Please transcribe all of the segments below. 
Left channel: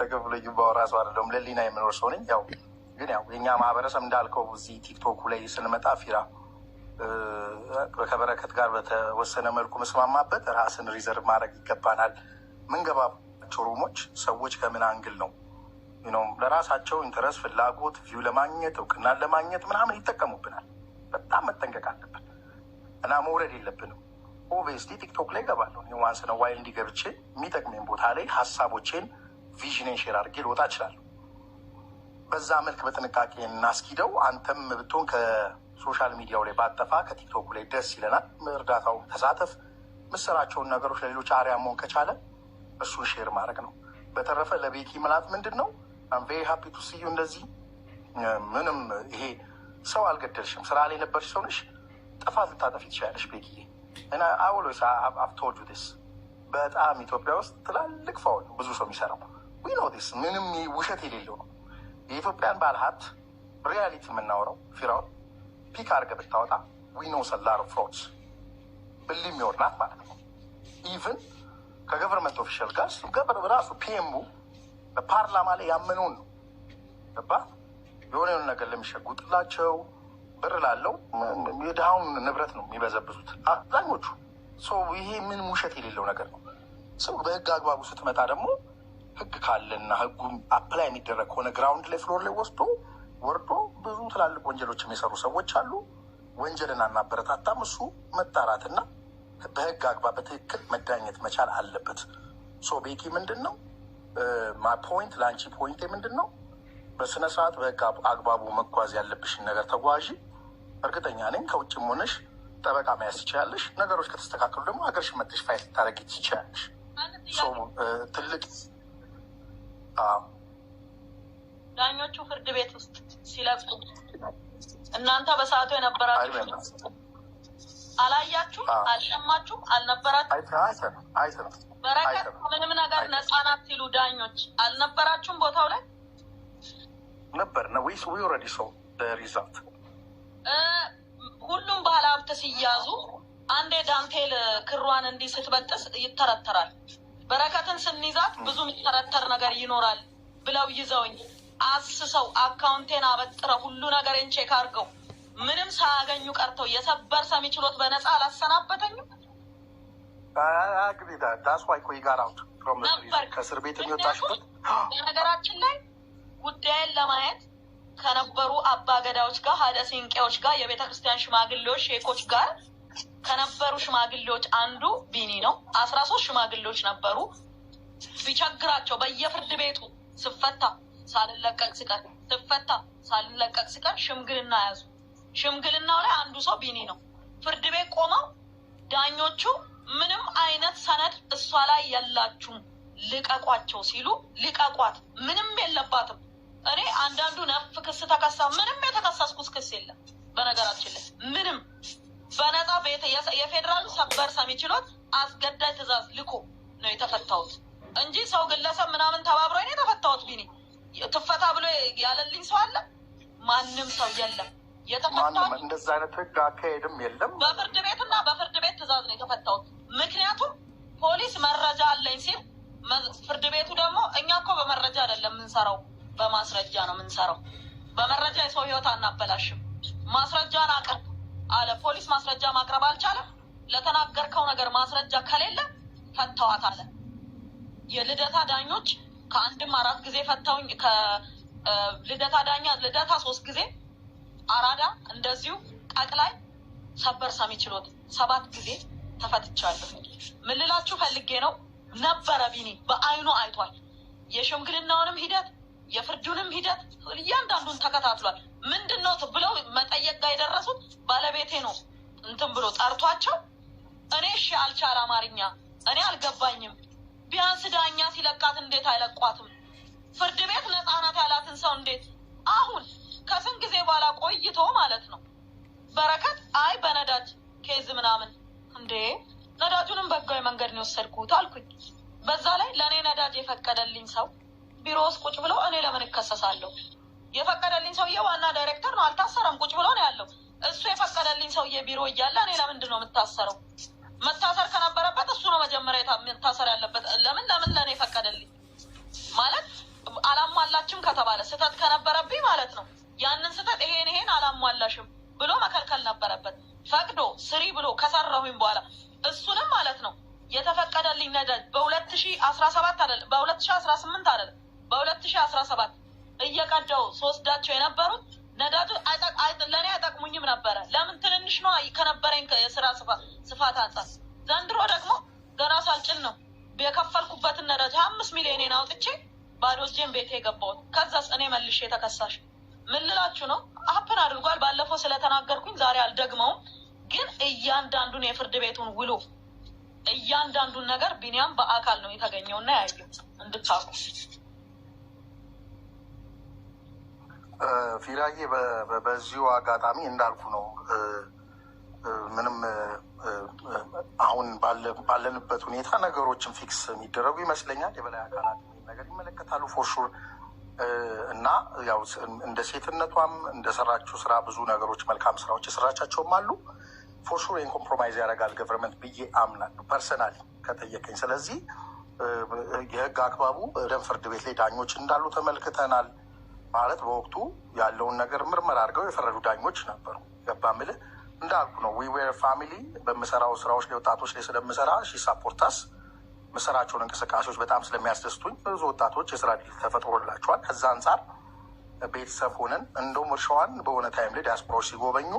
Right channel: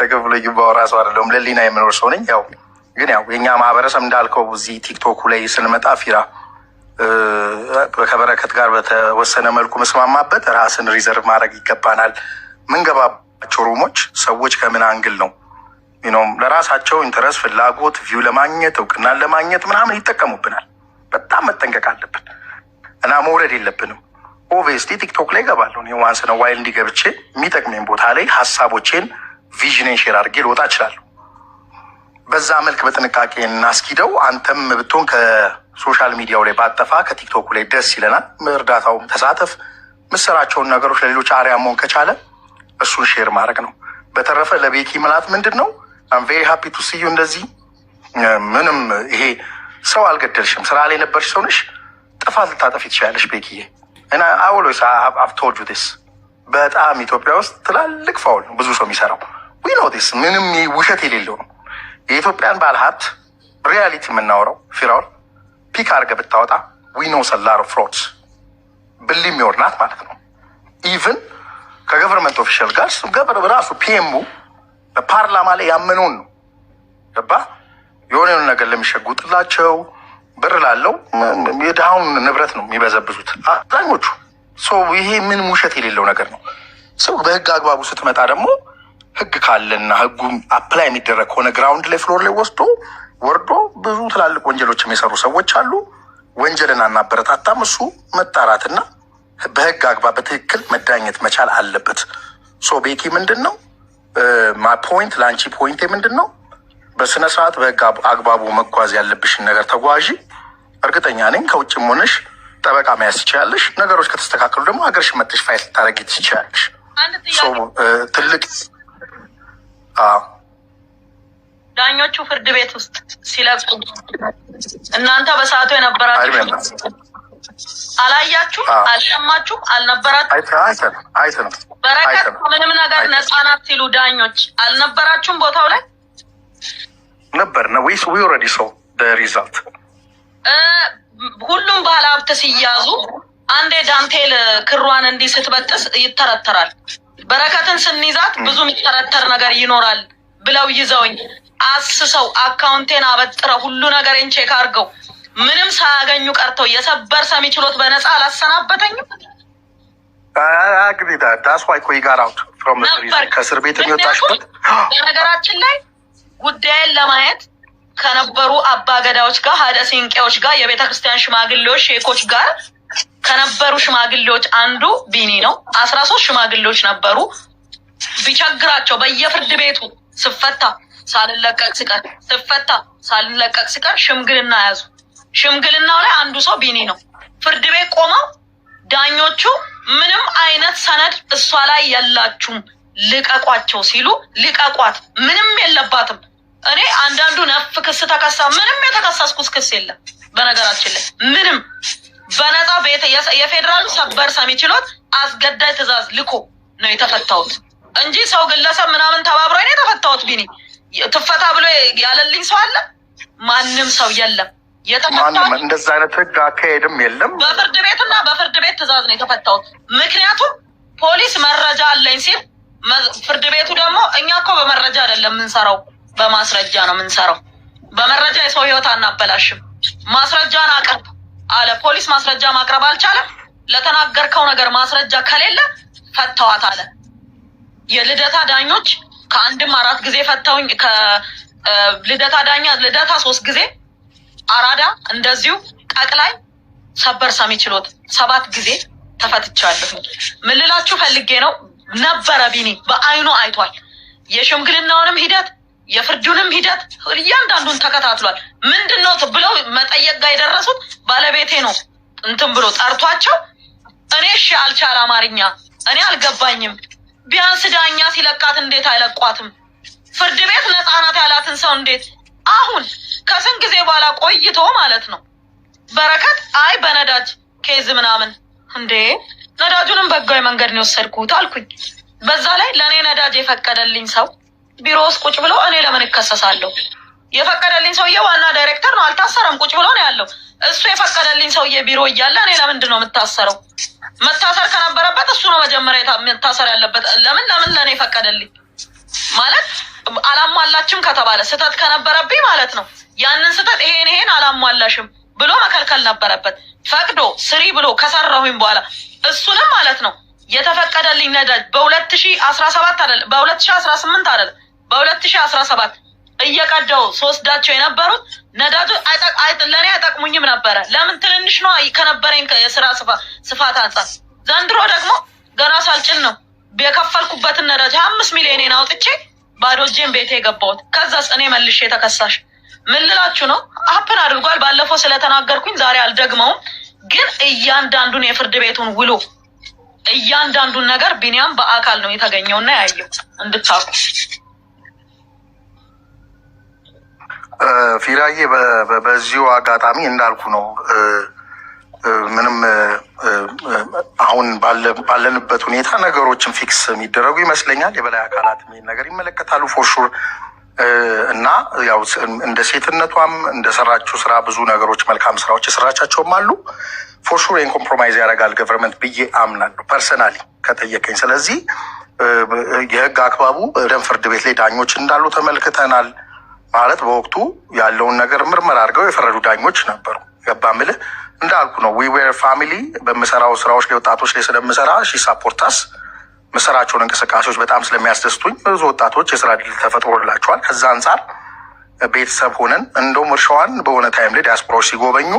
ተከፍሎኝ ባወራሰው አይደለም ለሊና የምኖር ሰው ነኝ። ያው ግን ያው የኛ ማህበረሰብ እንዳልከው እዚህ ቲክቶኩ ላይ ስንመጣ ፊራ ከበረከት ጋር በተወሰነ መልኩ መስማማበት ራስን ሪዘርቭ ማድረግ ይገባናል። ምንገባቸው ሩሞች ሰዎች ከምን አንግል ነው ለራሳቸው ኢንተረስት ፍላጎት ቪው ለማግኘት እውቅናን ለማግኘት ምናምን ይጠቀሙብናል። በጣም መጠንቀቅ አለብን እና መውረድ የለብንም። ኦብቪየስሊ ቲክቶክ ላይ ገባለሁ ዋንስ ነው ዋይል እንዲገብቼ የሚጠቅመኝ ቦታ ላይ ሀሳቦቼን ቪዥኔን ሼር አድርጌ ልወጣ እችላለሁ። በዛ መልክ በጥንቃቄ እናስኪደው። አንተም ብትሆን ከሶሻል ሚዲያው ላይ ባጠፋ ከቲክቶኩ ላይ ደስ ይለናል። እርዳታውም ተሳተፍ። ምሰራቸውን ነገሮች ለሌሎች አርያ መሆን ከቻለ እሱን ሼር ማድረግ ነው። በተረፈ ለቤኪ ምላት ምንድን ነው አም ቬሪ ሃፒ ቱ ሲዩ። እንደዚህ ምንም ይሄ ሰው አልገደልሽም፣ ስራ ላይ ነበርሽ፣ ሰው ነሽ። ጥፋት ልታጠፊ ትችላለሽ ቤኪዬ እና አውሎስ አቭ ቶልድ ዩ ዲስ። በጣም ኢትዮጵያ ውስጥ ትላልቅ ፋውል ነው ብዙ ሰው የሚሰራው። ዊ ኖ ዲስ። ምንም ውሸት የሌለው ነው። የኢትዮጵያን ባለሀብት ሪያሊቲ የምናወራው ፊራውን ፒክ አድርገህ ብታወጣ ዊ ኖ ሰላር ፍሮድስ ብሊ የሚወርናት ማለት ነው። ኢቭን ከገቨርንመንት ኦፊሻል ጋር ራሱ ፒኤሙ በፓርላማ ላይ ያመነውን ነው ገባ የሆነ ነገር ለሚሸጉጥላቸው ብር ላለው የድሃውን ንብረት ነው የሚበዘብዙት አብዛኞቹ። ይሄ ምንም ውሸት የሌለው ነገር ነው። ሰው በህግ አግባቡ ስትመጣ ደግሞ ህግ ካለና ህጉ አፕላይ የሚደረግ ከሆነ ግራውንድ ላይ ፍሎር ላይ ወርዶ ብዙ ትላልቅ ወንጀሎች የሚሰሩ ሰዎች አሉ። ወንጀልን አናበረታታም። እሱ መጣራትና በህግ አግባብ በትክክል መዳኘት መቻል አለበት። ቤኪ ምንድን ነው ፖይንት ለአንቺ ፖይንቴ ምንድን ነው? በስነ ስርዓት በህግ አግባቡ መጓዝ ያለብሽን ነገር ተጓዢ። እርግጠኛ ነኝ ከውጭም ሆነሽ ጠበቃ መያዝ ትችላለሽ። ነገሮች ከተስተካከሉ ደግሞ ሀገርሽ መጥተሽ ፋይል ልታደርጊ ትችላለሽ። ትልቅ ዳኞቹ ፍርድ ቤት ውስጥ ሲለቁ እናንተ በሰዓቱ የነበራችሁ አላያችሁም? አልሰማችሁም? አልነበራችሁም? አይተንም። በረከት ምንም ነገር ነፃ ናት ሲሉ ዳኞች አልነበራችሁም? ቦታው ላይ ነበር ነው ወይስ ዊ ኦልሬዲ ሶ ዘ ሪዛልት? ሁሉም ባለሀብት ሲያዙ አንዴ ዳንቴል ክሯን እንዲህ ስትበጥስ ይተረተራል። በረከትን ስንይዛት ብዙ የሚተረተር ነገር ይኖራል ብለው ይዘውኝ አስሰው አካውንቴን አበጥረው ሁሉ ነገሬን ቼክ አድርገው ምንም ሳያገኙ ቀርተው የሰበር ሰሚ ችሎት በነፃ አላሰናበተኝም። አግሪዳ ዳስ ዋይ ኮይ ጋር አውት ፍሮም ከእስር ቤት የሚወጣሽበት። በነገራችን ላይ ጉዳይን ለማየት ከነበሩ አባገዳዎች ጋር ሀደ ሲንቄዎች ጋር የቤተ ክርስቲያን ሽማግሌዎች ሼኮች ጋር ከነበሩ ሽማግሌዎች አንዱ ቢኒ ነው። 13 ሽማግሌዎች ነበሩ። ቢቸግራቸው በየፍርድ ቤቱ ስፈታ ሳልለቀቅ ስቀር ስፈታ ሳልለቀቅ ስቀር ሽምግልና ያዙ። ሽምግልናው ላይ አንዱ ሰው ቢኒ ነው። ፍርድ ቤት ቆመው ዳኞቹ ምንም አይነት ሰነድ እሷ ላይ የላችሁም ልቀቋቸው ሲሉ ልቀቋት፣ ምንም የለባትም። እኔ አንዳንዱ ነፍ ክስ ተከሳ፣ ምንም የተከሰስኩት ክስ የለም። በነገራችን ላይ ምንም በነፃ ቤት የፌዴራሉ ሰበር ሰሚ ችሎት አስገዳይ ትዕዛዝ ልኮ ነው የተፈታሁት እንጂ ሰው ግለሰብ ምናምን ተባብሮ ነው የተፈታሁት። ቢኒ ትፈታ ብሎ ያለልኝ ሰው አለ? ማንም ሰው የለም። ማንም እንደዛ አይነት ህግ አካሄድም የለም። በፍርድ ቤቱና በፍርድ ቤት ትዕዛዝ ነው የተፈታሁት። ምክንያቱም ፖሊስ መረጃ አለኝ ሲል ፍርድ ቤቱ ደግሞ እኛ እኮ በመረጃ አይደለም የምንሰራው በማስረጃ ነው የምንሰራው። በመረጃ የሰው ህይወት አናበላሽም። ማስረጃን አቅርብ አለ ፖሊስ። ማስረጃ ማቅረብ አልቻለም። ለተናገርከው ነገር ማስረጃ ከሌለ ፈተዋት አለ። የልደታ ዳኞች ከአንድም 4 ጊዜ ፈተውኝ። ከልደታ ዳኛ ልደታ 3 ጊዜ፣ አራዳ እንደዚሁ፣ ጠቅላይ ሰበር ሰሚ ችሎት 7 ጊዜ ተፈትቻለሁ። ምን ልላችሁ ፈልጌ ነው ነበረ ቢኒ በአይኑ አይቷል። የሽምግልናውንም ሂደት የፍርዱንም ሂደት እያንዳንዱን ተከታትሏል። ምንድን ነው ብለው መጠየቅ ጋር የደረሱት ባለቤቴ ነው እንትን ብሎ ጠርቷቸው፣ እኔ እሺ አልቻል አማርኛ እኔ አልገባኝም። ቢያንስ ዳኛ ሲለቃት እንዴት አይለቋትም? ፍርድ ቤት ነፃ ናት ያላትን ሰው እንዴት አሁን ከስንት ጊዜ በኋላ ቆይቶ ማለት ነው በረከት አይ በነዳጅ ኬዝ ምናምን እንዴ ነዳጁንም በህጋዊ መንገድ ነው የወሰድኩት አልኩኝ። በዛ ላይ ለእኔ ነዳጅ የፈቀደልኝ ሰው ቢሮ ውስጥ ቁጭ ብሎ እኔ ለምን እከሰሳለሁ? የፈቀደልኝ ሰውዬ ዋና ዳይሬክተር ነው፣ አልታሰረም፣ ቁጭ ብሎ ነው ያለው። እሱ የፈቀደልኝ ሰውዬ ቢሮ እያለ እኔ ለምንድን ነው የምታሰረው? መታሰር ከነበረበት እሱ ነው መጀመሪያ መታሰር ያለበት። ለምን ለእኔ ፈቀደልኝ ማለት ከተባለ ስህተት ከነበረብኝ ማለት ነው ያንን ስህተት ይሄን አላሟላሽም ብሎ መከልከል ነበረበት። ፈቅዶ ስሪ ብሎ ከሰራሁኝ በኋላ እሱንም ማለት ነው የተፈቀደልኝ ነዳጅ በ2017 አይደለም በ2018 አይደለም በ2017 እየቀዳው ስወስዳቸው የነበሩት ነዳጁ ለእኔ አይጠቅሙኝም ነበረ። ለምን ትንንሽ ነው ከነበረኝ የስራ ስፋት አንጻር። ዘንድሮ ደግሞ ገና ሳልጭን ነው የከፈልኩበትን ነዳጅ 5 ሚሊዮን አውጥቼ ባዶ እጄን ቤቴ የገባሁት። ከዛስ እኔ መልሼ ተከሳሽ ምን ልላችሁ ነው? አፕን አድርጓል። ባለፈው ስለተናገርኩኝ ዛሬ አልደግመውም። ግን እያንዳንዱን የፍርድ ቤቱን ውሎ እያንዳንዱን ነገር ቢኒያም በአካል ነው የተገኘውና ያየው እንድታውቁ። ፊራዬ በዚሁ አጋጣሚ እንዳልኩ ነው ምንም አሁን ባለንበት ሁኔታ ነገሮችን ፊክስ የሚደረጉ ይመስለኛል። የበላይ አካላት ይህን ነገር ይመለከታሉ ፎርሹር እና ያው እንደ ሴትነቷም እንደሰራችው ስራ ብዙ ነገሮች መልካም ስራዎች የሰራቻቸውም አሉ። ፎርሹር ይህን ኮምፕሮማይዝ ያደርጋል ገቨርንመንት ብዬ አምናለሁ ፐርሰናሊ ከጠየቀኝ። ስለዚህ የህግ አክባቡ ደም ፍርድ ቤት ላይ ዳኞች እንዳሉ ተመልክተናል። ማለት በወቅቱ ያለውን ነገር ምርመራ አድርገው የፈረዱ ዳኞች ነበሩ። ገባ ምልህ እንዳልኩ ነው። ዊ ዌር ፋሚሊ በምሰራው ስራዎች ላይ ወጣቶች ላይ ስለምሰራ ሳፖርታስ ምሰራቸውን እንቅስቃሴዎች በጣም ስለሚያስደስቱኝ ብዙ ወጣቶች የስራ ዕድል ተፈጥሮላቸዋል። ከዛ አንጻር ቤተሰብ ሆነን እንደውም እርሻዋን በሆነ ታይም ላይ ዲያስፖራዎች ሲጎበኙ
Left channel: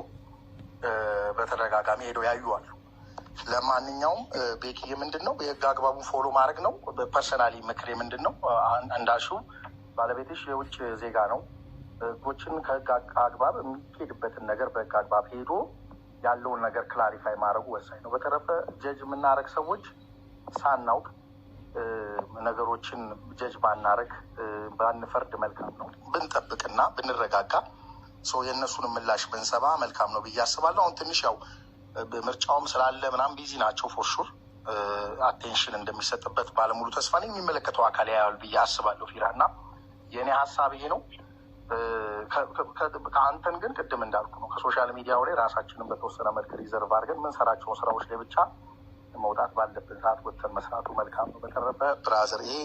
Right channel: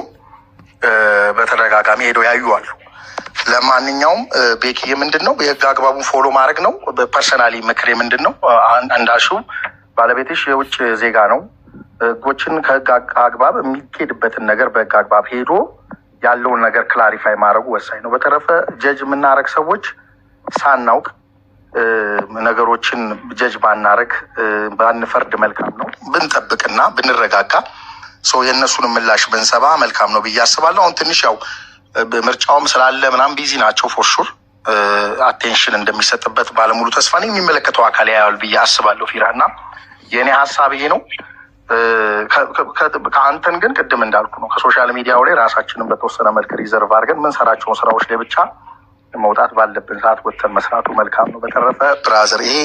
በተደጋጋሚ ሄደው ያዩዋሉ። ለማንኛውም ቤኪዬ ምንድን ነው የህግ አግባቡን ፎሎ ማድረግ ነው። በፐርሰናሊ ምክሬ ምንድን ነው እንዳልሽው ባለቤትሽ የውጭ ዜጋ ነው። ህጎችን ከህግ አግባብ የሚሄድበትን ነገር በህግ አግባብ ሄዶ ያለውን ነገር ክላሪፋይ ማድረጉ ወሳኝ ነው። በተረፈ ጀጅ የምናደርግ ሰዎች ሳናውቅ ነገሮችን ጀጅ ባናረግ ባንፈርድ መልካም ነው። ብንጠብቅና ብንረጋጋ ሰው የእነሱን ምላሽ ብንሰባ መልካም ነው ብዬ አስባለሁ። አሁን ትንሽ ያው ምርጫውም ስላለ ምናምን ቢዚ ናቸው። ፎርሹር አቴንሽን እንደሚሰጥበት ባለሙሉ ተስፋ ነኝ። የሚመለከተው አካል ያያል ብዬ አስባለሁ። ፊራ እና የእኔ ሀሳብ ይሄ ነው። ከአንተን ግን ቅድም እንዳልኩ ነው ከሶሻል ሚዲያው ላይ ራሳችንን በተወሰነ መልክ ሪዘርቭ አድርገን ምንሰራቸውን ስራዎች ላይ ብቻ መውጣት ባለብን ሰዓት ወጥተን መስራቱ መልካም ነው። በተረፈ ብራዘር ይሄ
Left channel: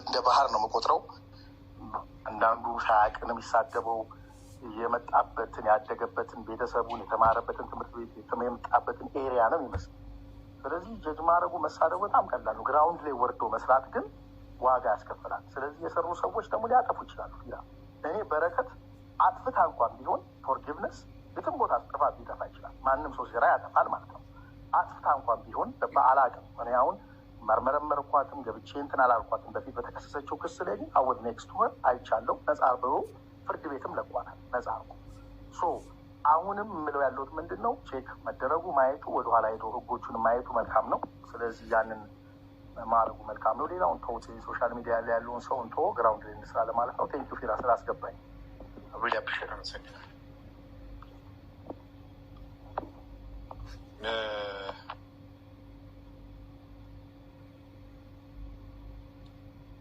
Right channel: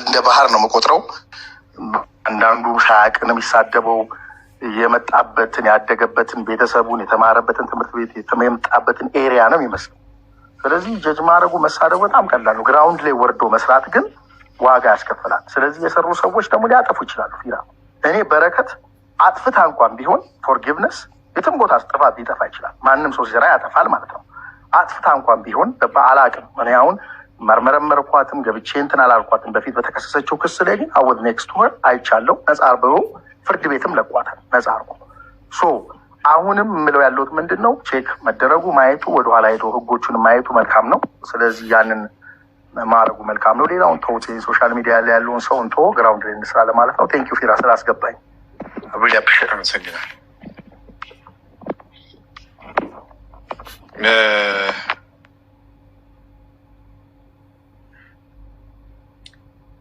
እንደ ባህር ነው የምቆጥረው። አንዳንዱ ሳያውቅን የሚሳደበው የመጣበትን ያደገበትን ቤተሰቡን የተማረበትን ትምህርት ቤት የመጣበትን ኤሪያ ነው የሚመስለው። ስለዚህ ጀጅ ማድረጉ መሳደቡ በጣም ቀላል ነው። ግራውንድ ላይ ወርዶ መስራት ግን ዋጋ ያስከፍላል። ስለዚህ የሰሩ ሰዎች ደግሞ ሊያጠፉ ይችላሉ። ፊራ እኔ በረከት አጥፍታ እንኳን ቢሆን ፎርጊቭነስ የትም ቦታ ጥፋት ሊጠፋ ይችላል። ማንም ሰው ሲሰራ ያጠፋል ማለት ነው። አጥፍታ እንኳን ቢሆን በአላቅም እኔ አሁን መርመረኳትም ገብቼ እንትን አላልኳትም። በፊት በተከሰሰችው ክስ ላይ ግን አወድ ኔክስት ወር አይቻለው ነጻ አርበው ፍርድ ቤትም ለቋታል ነጻ አርጎ። ሶ አሁንም የምለው ያለሁት ምንድን ነው ቼክ መደረጉ ማየቱ ወደኋላ ሄዶ ህጎቹን ማየቱ መልካም ነው። ስለዚህ ያንን ማድረጉ መልካም ነው። ሌላውን ተውት። ሶሻል ሚዲያ ላይ ያለውን ሰው እንቶ ግራውንድ ላይ እንስራ ለማለት ነው። ቴንኪዩ ፊራ ስላስገባኝ አብሬ አፕሪሼት አመሰግናለሁ።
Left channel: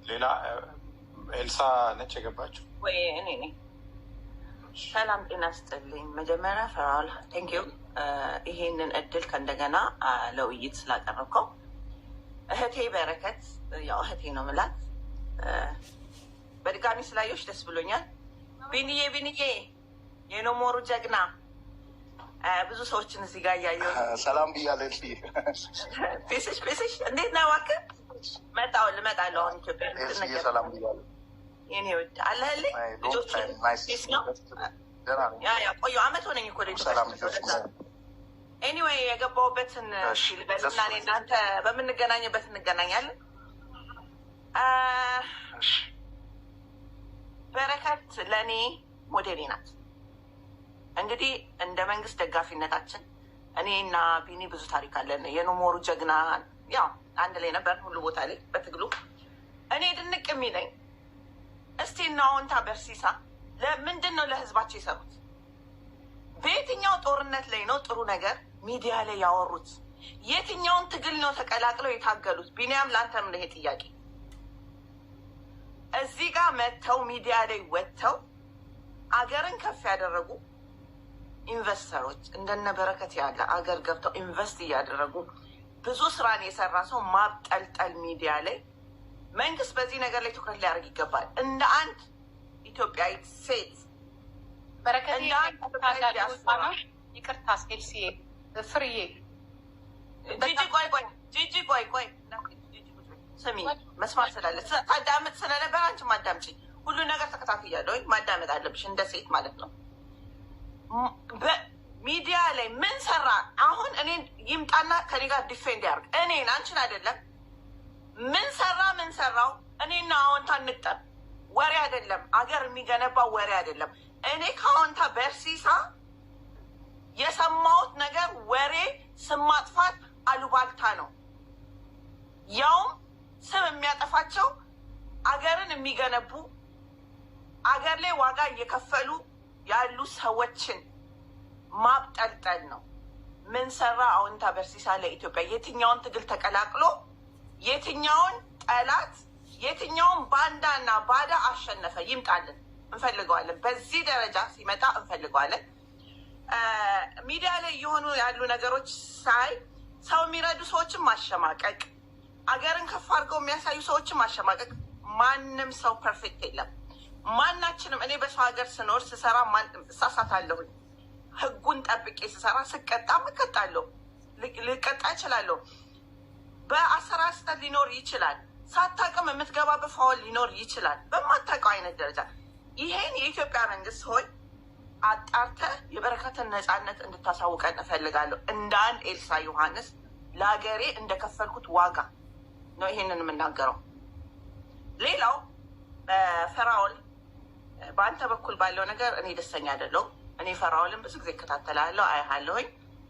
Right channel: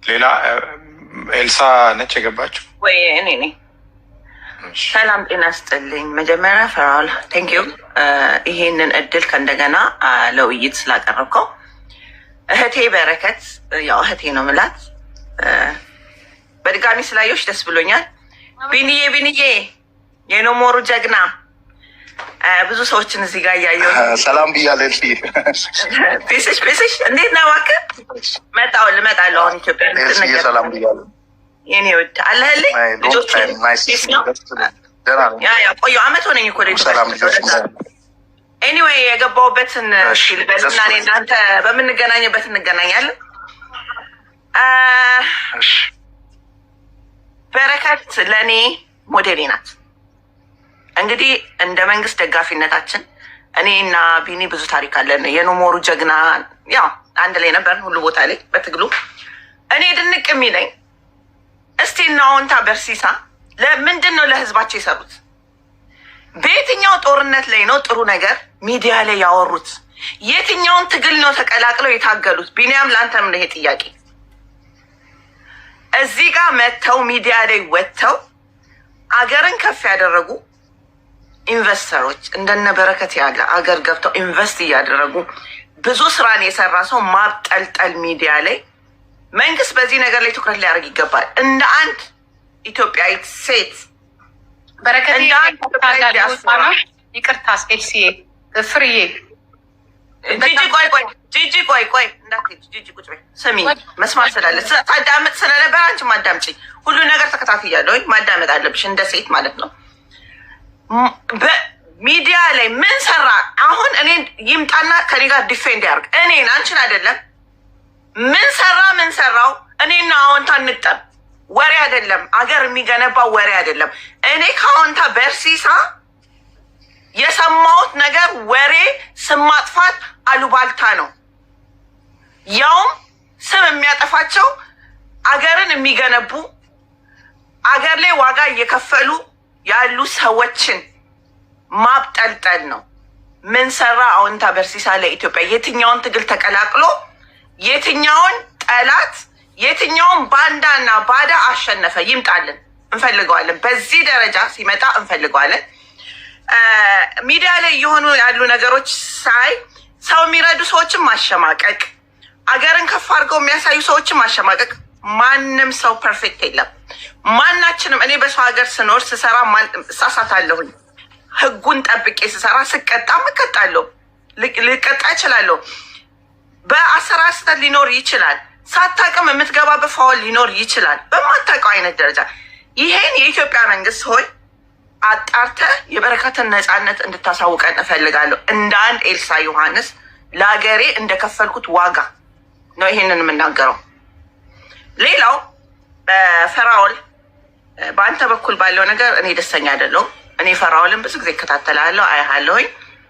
ሌላ ኤልሳ ነች የገባችው ወይ? እኔ ነኝ። ሰላም ጤና ስጥልኝ። መጀመሪያ ፈራል ቴንኪዩ ይሄንን እድል ከእንደገና ለውይይት ስላቀረብከው። እህቴ በረከት ያው እህቴ ነው ምላት። በድጋሚ ስላየሁሽ ደስ ብሎኛል። ቢንዬ የኖሞሩ ጀግና ብዙ ሰዎችን እዚህ ጋር እያየሁ ሰላም ብያለሁ። ፔስሽ እንዴት ነው? እባክህ ልመጣለሁ አሁን ኢትዮጵያ ሰላም ብያለሁ። የኔ ወድ አለህልኝ ልጆች ቆዩ አመት ሆነኝ እኮ ኤኒዌይ የገባሁበትን ልበልና እኔ እናንተ በምንገናኝበት እንገናኛለን። በረከት ለእኔ ሞዴሌ ናት። እንግዲህ እንደ መንግስት ደጋፊነታችን እኔ እና ቢኒ ብዙ ታሪክ አለን። የኖሞሩ ጀግና ያው አንድ ላይ ነበር ሁሉ ቦታ ላይ በትግሉ። እኔ ድንቅ የሚለኝ እስቲ እና አዎንታ በርሲሳ ለምንድን ነው ለህዝባቸው የሰሩት? በየትኛው ጦርነት ላይ ነው ጥሩ ነገር ሚዲያ ላይ ያወሩት? የትኛውን ትግል ነው ተቀላቅለው የታገሉት? ቢኒያም ለአንተም ነው ይሄ ጥያቄ። እዚህ ጋር መጥተው ሚዲያ ላይ ወጥተው አገርን ከፍ ያደረጉ ኢንቨስተሮች እንደነ በረከት ያለ አገር ገብተው ኢንቨስት እያደረጉ ብዙ ስራን የሰራ ሰው ማብጠልጠል ሚዲያ ላይ መንግስት በዚህ ነገር ላይ ትኩረት ሊያደርግ ይገባል። እንደ አንድ ኢትዮጵያዊት ሴት በረከት ይቅርታ ኤልሲኤ ፍርዬ ጂጂ ቆይ እንዳትሄጂ ጂጂ ቁጭ በይ ስሚ መስማት ስላለ ታዳምጥ ስለነበረ አንቺ ማዳምጪ ሁሉ ነገር ተከታትያለሁ ማዳመጥ አለብሽ እንደ ሴት ማለት ነው በሚዲያ ላይ ምን ሰራ አሁን እኔ ይምጣና ከኔ ጋር ዲፌንድ ያርግ እኔን አንቺን አይደለም ምን ሰራው እኔና አዎንታ እንጠብ ወሬ አይደለም አገር የሚገነባው ወሬ አይደለም እኔ ከአዎንታ በርሲሳ የሰማሁት ነገር ወሬ ስም ማጥፋት አሉባልታ ነው ያውም ስም የሚያጠፋቸው አገርን የሚገነቡ አገር ላይ ዋጋ እየከፈሉ ያሉ ሰዎችን ማብጠልጠል ነው ምን ሰራ አዎንታ በርሲሳ ለኢትዮጵያ የትኛውን ትግል ተቀላቅሎ የትኛውን ጠላት የትኛውን ባንዳና ባዳ አሸነፈ ይምጣልን እንፈልገዋለን በዚህ ደረጃ ሲመጣ እንፈልገዋለን ሚዲያ ላይ የሆኑ ያሉ ነገሮች ሳይ ሰው የሚረዱ ሰዎችን ማሸማቀቅ አገርን ከፍ አድርገው የሚያሳዩ ሰዎችን ማሸማቀቅ ማንም ሰው ፐርፌክት የለም ማናችንም እኔ በሰው ሀገር ስኖር ስሰራ እሳሳታለሁኝ ህጉን ጠብቄ ስሰራ ስቀጣም እቀጣለሁ ልቀጣ እችላለሁ በአሰራር ስህተት ሊኖር ይችላል ሳታውቅም የምትገባበት ፋውል ሊኖር ይችላል በማታውቀው አይነት ደረጃ ይሄን የኢትዮጵያ መንግስት ሆይ አጣርተ የበረከትን ነፃነት እንድታሳውቀን እፈልጋለሁ እንደ አንድ ኤልሳ ዮሐንስ ለሀገሬ እንደከፈልኩት ዋጋ ነው ይሄንን የምናገረው ሌላው ፈራኦል በአንተ በኩል ባለው ነገር እኔ ደስተኛ አይደለሁም እኔ ፈራኦልን ብዙ ጊዜ እከታተላለሁ አያለሁኝ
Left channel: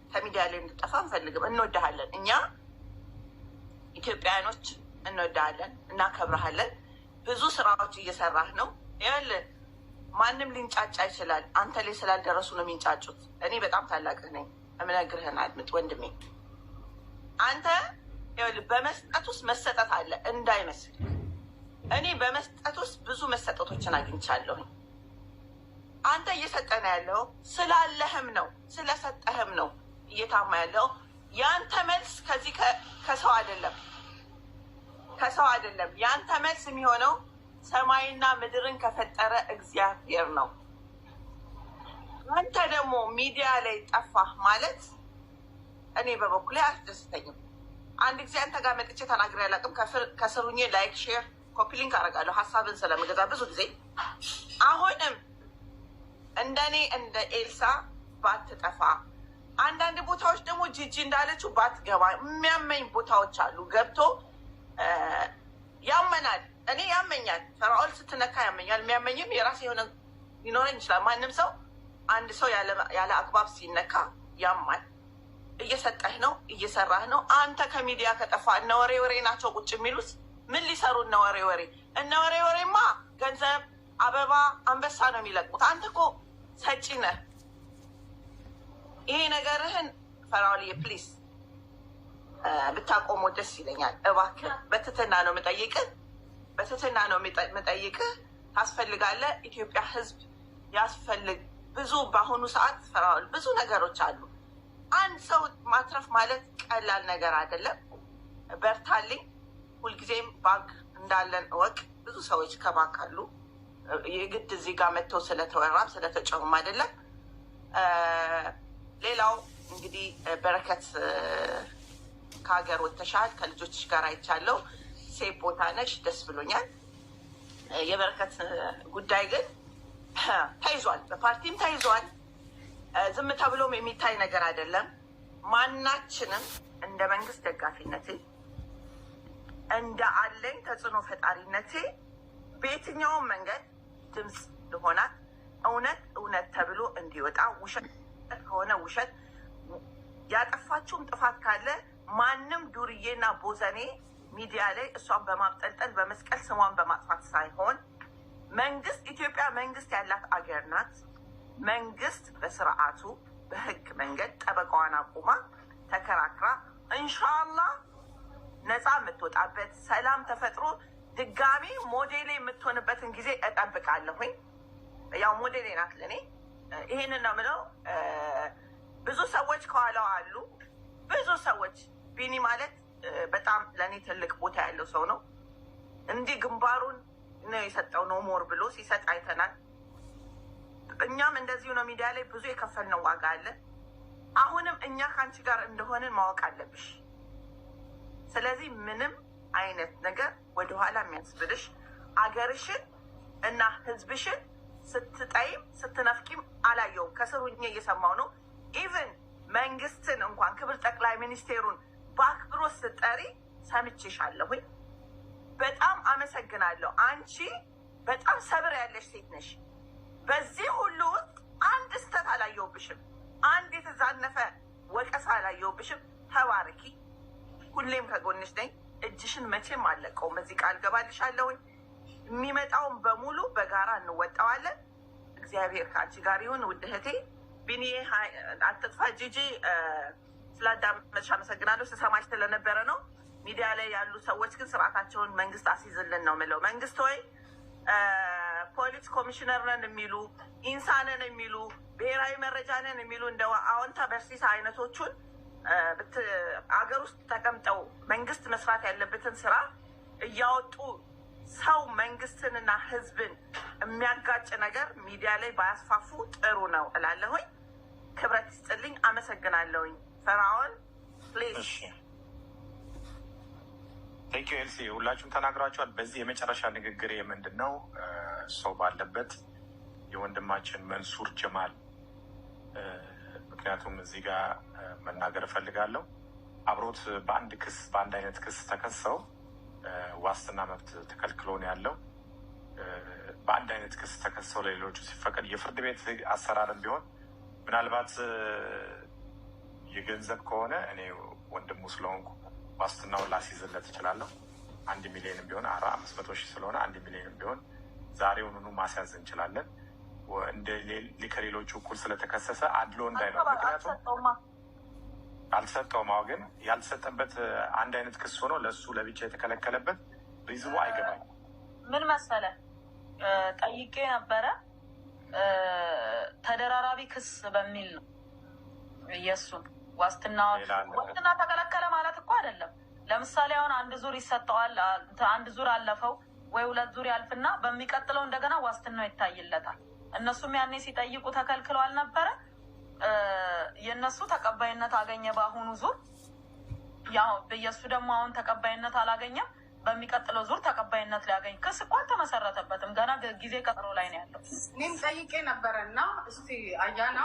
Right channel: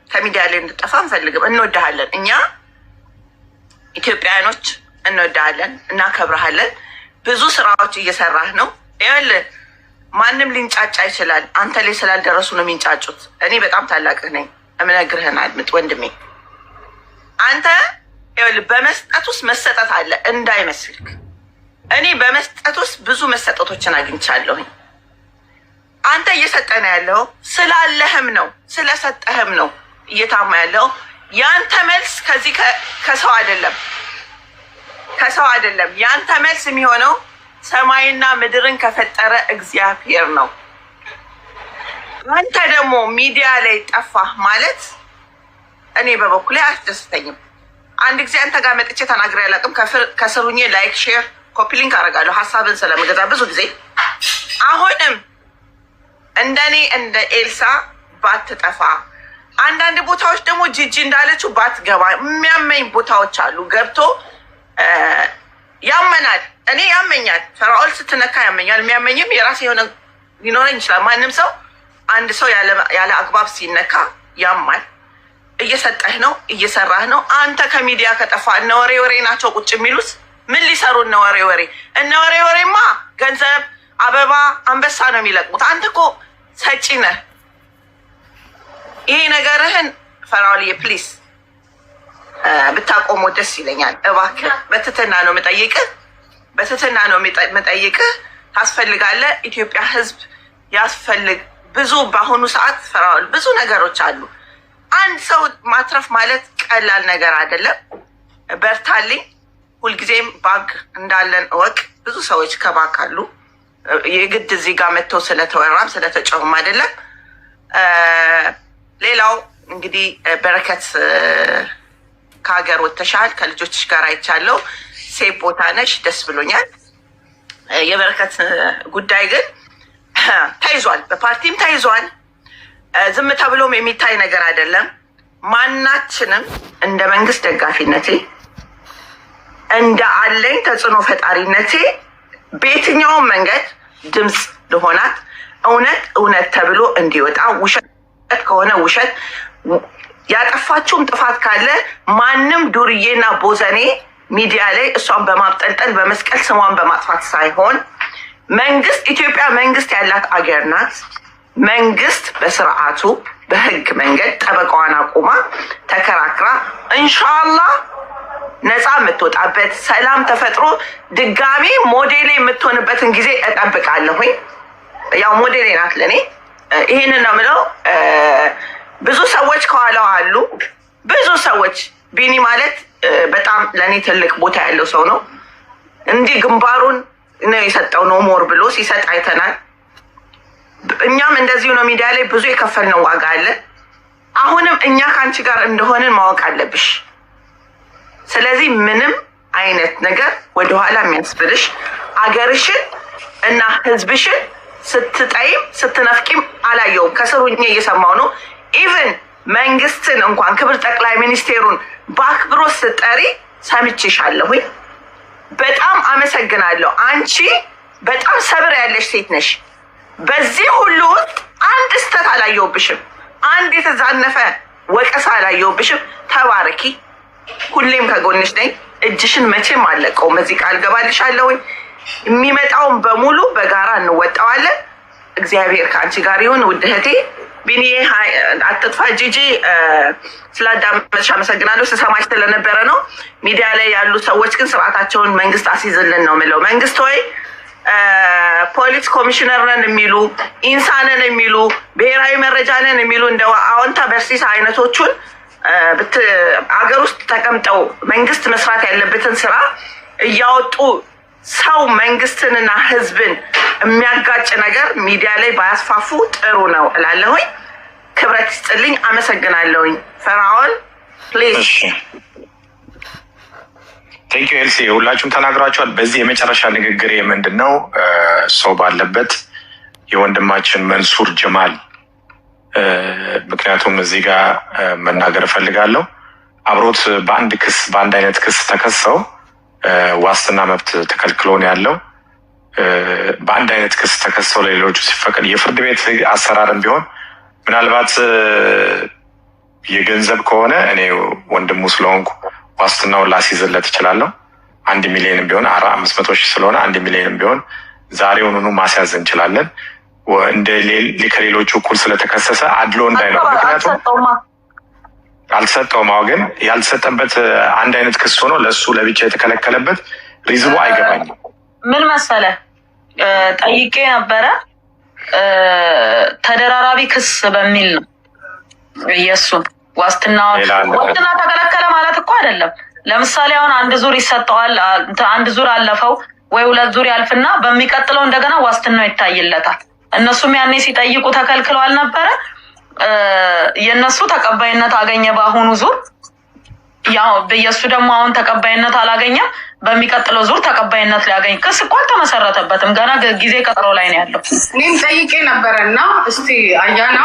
ከሚዲያ ላይ እንድጠፋ እንፈልግም እንወድሃለን እኛ ኢትዮጵያውያኖች እንወዳለን እናከብረሃለን ብዙ ስራዎች እየሰራህ ነው ይኸውልህ ማንም ሊንጫጫ ይችላል አንተ ላይ ስላልደረሱ ነው የሚንጫጩት እኔ በጣም ታላቅህ ነኝ እምነግርህን አድምጥ ወንድሜ አንተ ይኸውልህ በመስጠት ውስጥ መሰጠት አለ እንዳይመስልክ እኔ በመስጠት ውስጥ ብዙ መሰጠቶችን አግኝቻለሁኝ አንተ እየሰጠህ ነው ያለው ስላለህም ነው ስለሰጠህም ነው እየታማ ያለው ያንተ መልስ ከዚህ ከሰው አይደለም ያንተ መልስ የሚሆነው ሰማይና ምድርን ከፈጠረ እግዚአብሔር ነው አንተ ደግሞ ሚዲያ ላይ ጠፋህ ማለት እኔ በበኩሌ አያስደስተኝም አንድ ጊዜ አንተ ጋር መጥቼ ተናግሬ አላውቅም ከስሩኜ ላይክ ሼር ኮፒ ሊንክ አደርጋለሁ ሀሳብን ስለምገዛ ብዙ ጊዜ አሁንም እንደኔ እንደ ኤልሳ ባትጠፋ አንዳንድ ቦታዎች ደግሞ ጂጂ እንዳለችው ባትገባ የሚያመኝ ቦታዎች አሉ ገብቶ ያመናል እኔ ያመኛል ፈራኦል ስትነካ ያመኛል የሚያመኝም የራሴ የሆነ ሊኖረኝ ይችላል ማንም ሰው አንድ ሰው ያለ አግባብ ሲነካ ያማል እየሰጠህ ነው እየሰራህ ነው አንተ ከሚዲያ ከጠፋ እነ ወሬ ናቸው ቁጭ የሚሉት ምን ሊሰሩ እነ ወሬ ወሬማ ገንዘብ አበባ አንበሳ ነው የሚለቅሙት አንተ እኮ ሰጪ ነህ ይሄ ነገርህን ፈራኦልዬ ፕሊስ ብታቆሞ ደስ ይለኛል እባክህ በትትና ነው የምጠይቅህ ታስፈልጋለህ ኢትዮጵያ ህዝብ ያስፈልግ ብዙ በአሁኑ ሰዓት ፈራኦል ብዙ ነገሮች አሉ አንድ ሰው ማትረፍ ማለት ቀላል ነገር አይደለም በርታልኝ ሁልጊዜም ባንክ እንዳለን እወቅ ብዙ ሰዎች ከባንክ አሉ የግድ እዚህ ጋር መጥተው ስለተወራም ስለተጨውም አይደለም ሌላው እንግዲህ በረከት ከሀገር ወጥተሻል ከልጆችሽ ጋር አይቻለሁ ሴፍ ቦታ ነሽ ደስ ብሎኛል የበረከት ጉዳይ ግን ተይዟል በፓርቲም ተይዟል ዝም ተብሎም የሚታይ ነገር አይደለም ማናችንም እንደ መንግስት ደጋፊነቴ እንደ አለኝ ተጽዕኖ ፈጣሪነቴ በየትኛውም መንገድ ድምፅ ልሆናት እውነት ተብሎ እንዲወጣ ውሸት ከሆነ ውሸት ያጠፋችውም ጥፋት ካለ ማንም ዱርዬና ቦዘኔ ሚዲያ ላይ እሷን በማብጠልጠል በመስቀል ስሟን በማጥፋት ሳይሆን መንግስት ኢትዮጵያ መንግስት ያላት አገር ናት መንግስት በስርዓቱ በህግ መንገድ ጠበቃዋን አቁማ ተከራክራ ኢንሻአላህ ነፃ የምትወጣበት ሰላም ተፈጥሮ ድጋሚ ሞዴሌ የምትሆንበትን ጊዜ እጠብቃለሁኝ ያው ሞዴሌ ናት ለኔ ይሄንን ነው የምለው ብዙ ሰዎች ከኋላው አሉ ብዙ ሰዎች ቢኒ ማለት በጣም ለእኔ ትልቅ ቦታ ያለው ሰው ነው እንዲህ ግንባሩን ነው የሰጠው። ኖ ሞር ብሎ ሲሰጥ አይተናል። እኛም እንደዚሁ ነው። ሚዲያ ላይ ብዙ የከፈልነው ዋጋ አለ። አሁንም እኛ ከአንቺ ጋር እንደሆንን ማወቅ አለብሽ። ስለዚህ ምንም አይነት ነገር ወደኋላ የሚያስብልሽ አገርሽን እና ህዝብሽን ስትጠይም ስትነፍቂም አላየውም። ከስሩ እየሰማው ነው። ኢቨን መንግስትን እንኳን ክብር ጠቅላይ ሚኒስቴሩን በአክብሮት ስጠሪ ሰምቼሻለሁኝ። በጣም አመሰግናለሁ። አንቺ በጣም ሰብር ያለሽ ሴት ነሽ። በዚህ ሁሉ ውስጥ አንድ ስተት አላየውብሽም። አንድ የተዛነፈ ወቀሳ አላየውብሽም። ተባረኪ። ሁሌም ከጎንሽ ነኝ። እጅሽን መቼም አለቀውም። እዚህ ቃል ገባልሻለሁኝ። የሚመጣውን በሙሉ በጋራ እንወጣዋለን። እግዚአብሔር ከአንቺ ጋር ይሁን። ውድ እህቴ ቢኒዬ አትጥፋ። ጂጂ ስላዳመጥሽ አመሰግናለሁ። ስሰማሽ ስለነበረ ነው። ሚዲያ ላይ ያሉ ሰዎች ግን ስርዓታቸውን መንግስት አስይዝልን ነው የምለው። መንግስት ሆይ ፖሊስ ኮሚሽነር ነን የሚሉ ኢንሳ ነን የሚሉ ብሔራዊ መረጃ ነን የሚሉ እንደ አዎንታ በርሲሳ አይነቶቹን አገር ውስጥ ተቀምጠው መንግስት መስራት ያለበትን ስራ እያወጡ ሰው መንግስትንና ህዝብን የሚያጋጭ ነገር ሚዲያ ላይ ባያስፋፉ ጥሩ ነው እላለሁኝ። ክብረት ይስጥልኝ። አመሰግናለሁኝ። ፈርዖን ፕሊዝ። ቴንክ ዩ ኤልሲ፣ ሁላችሁም ተናግራችኋል። በዚህ የመጨረሻ ንግግሬ ምንድን ነው ሰው ባለበት የወንድማችን መንሱር ጀማል ምክንያቱም እዚህ ጋር መናገር እፈልጋለሁ። አብሮት በአንድ አይነት ክስ ተከሰው ዋስትና መብት ተከልክሎ ነው ያለው። በአንድ አይነት ክስ ተከሰው ለሌሎቹ ሲፈቀድ የፍርድ ቤት አሰራርም ቢሆን ምናልባት የገንዘብ ከሆነ እኔ ወንድሙ ስለሆንኩ ዋስትናውን ላስይዝለት እችላለሁ። 1 ሚሊዮንም ቢሆን 500,000 ስለሆነ 1 ሚሊዮንም ቢሆን ዛሬውኑ ማስያዝ እንችላለን። እንደ ከሌሎቹ እኩል ስለተከሰሰ አድሎ እንዳይኖር። ምክንያቱም አልተሰጠውም። ግን ያልተሰጠበት አንድ አይነት ክስ ሆኖ ለእሱ ለብቻ የተከለከለበት ሪዝሙ አይገባኝም። ምን መሰለ ጠይቄ ነበረ። ተደራራቢ ክስ በሚል ነው የእሱን ዋስትና ተከለከለ ማለት እኮ አይደለም። ለምሳሌ አሁን አንድ ዙር ይሰጠዋል። አንድ ዙር አለፈው ወይ 2 ዙር ያልፍና በሚቀጥለው እንደገና ዋስትናው ይታይለታል። እነሱም ያኔ ሲጠይቁ ተከልክለዋል ነበረ። የእነሱ ተቀባይነት አገኘ በአሁኑ ዙር። ያው በየሱ ደግሞ አሁን ተቀባይነት አላገኘም። በሚቀጥለው ዙር ተቀባይነት ሊያገኝ ክስ እኮ አልተመሰረተበትም። ገና ጊዜ ቀጠሮ ላይ ነው ያለው። እኔም ጠይቄ ነበረ እና እስቲ አያና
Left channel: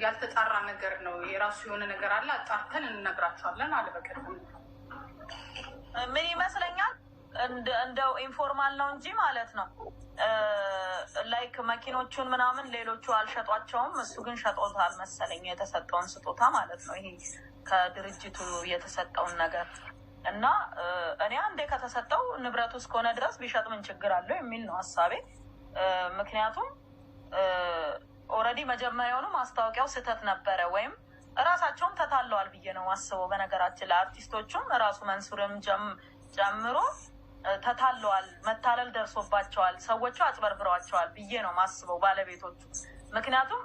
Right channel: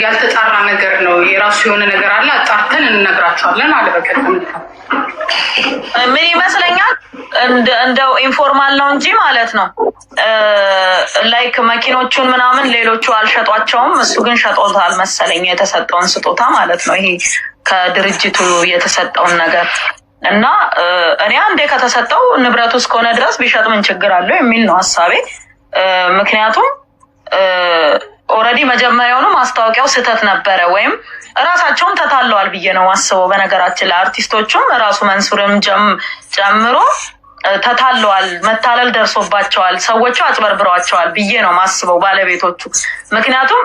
ያልተጣራ ነገር ነው የራሱ የሆነ ነገር አለ አጣርተን እንነግራቸዋለን አለ። በቀደም ምን ይመስለኛል እንደው ኢንፎርማል ነው እንጂ ማለት ነው። ላይክ መኪኖቹን ምናምን ሌሎቹ አልሸጧቸውም። እሱ ግን ሸጦታል መሰለኝ የተሰጠውን ስጦታ ማለት ነው። ይሄ ከድርጅቱ የተሰጠውን ነገር እና እኔ አንዴ ከተሰጠው ንብረቱ እስከሆነ ድረስ ቢሸጥ ምን ችግር አለው የሚል ነው ሀሳቤ። ምክንያቱም ኦልሬዲ መጀመሪያውኑ ማስታወቂያው ስህተት ነበረ ወይም እራሳቸውም ተታለዋል ብዬ ነው ማስበው። በነገራችን ላይ አርቲስቶቹም ራሱ መንሱርም ጨምሮ ተታለዋል፣ መታለል ደርሶባቸዋል፣ ሰዎቹ አጭበርብረዋቸዋል ብዬ ነው ማስበው ባለቤቶቹ። ምክንያቱም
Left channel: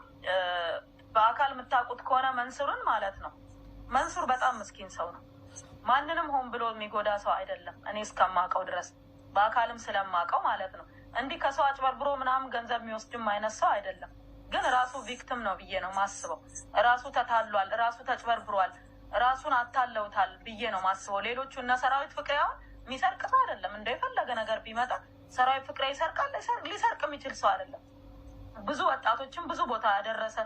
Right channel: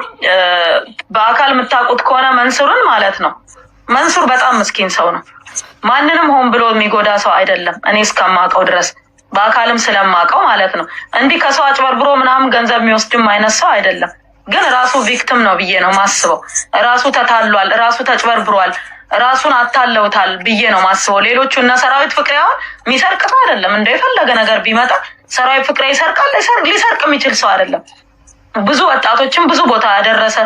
በአካል የምታውቁት ከሆነ መንሱርን ማለት ነው። መንሱር በጣም ምስኪን ሰው ነው። ማንንም ሆን ብሎ የሚጎዳ ሰው አይደለም እኔ እስከማውቀው ድረስ፣ በአካልም ስለማውቀው ማለት ነው። እንዲህ ከሰው አጭበርብሮ ምናምን ገንዘብ የሚወስድም አይነት ሰው አይደለም። ግን ራሱ ቪክቲም ነው ብዬ ነው ማስበው። ራሱ ተታሏል፣ ራሱ ተጭበርብሯል፣ ራሱን አታለውታል ብዬ ነው ማስበው። ሌሎቹ እነ ሰራዊት ፍቅሬ አሁን የሚሰርቅ ሰው አይደለም። እንደ የፈለገ ነገር ቢመጣ ሰራዊት ፍቅሬ ይሰርቃል። ሊሰርቅ የሚችል ሰው አይደለም። ብዙ ወጣቶችን ብዙ ቦታ ያደረሰ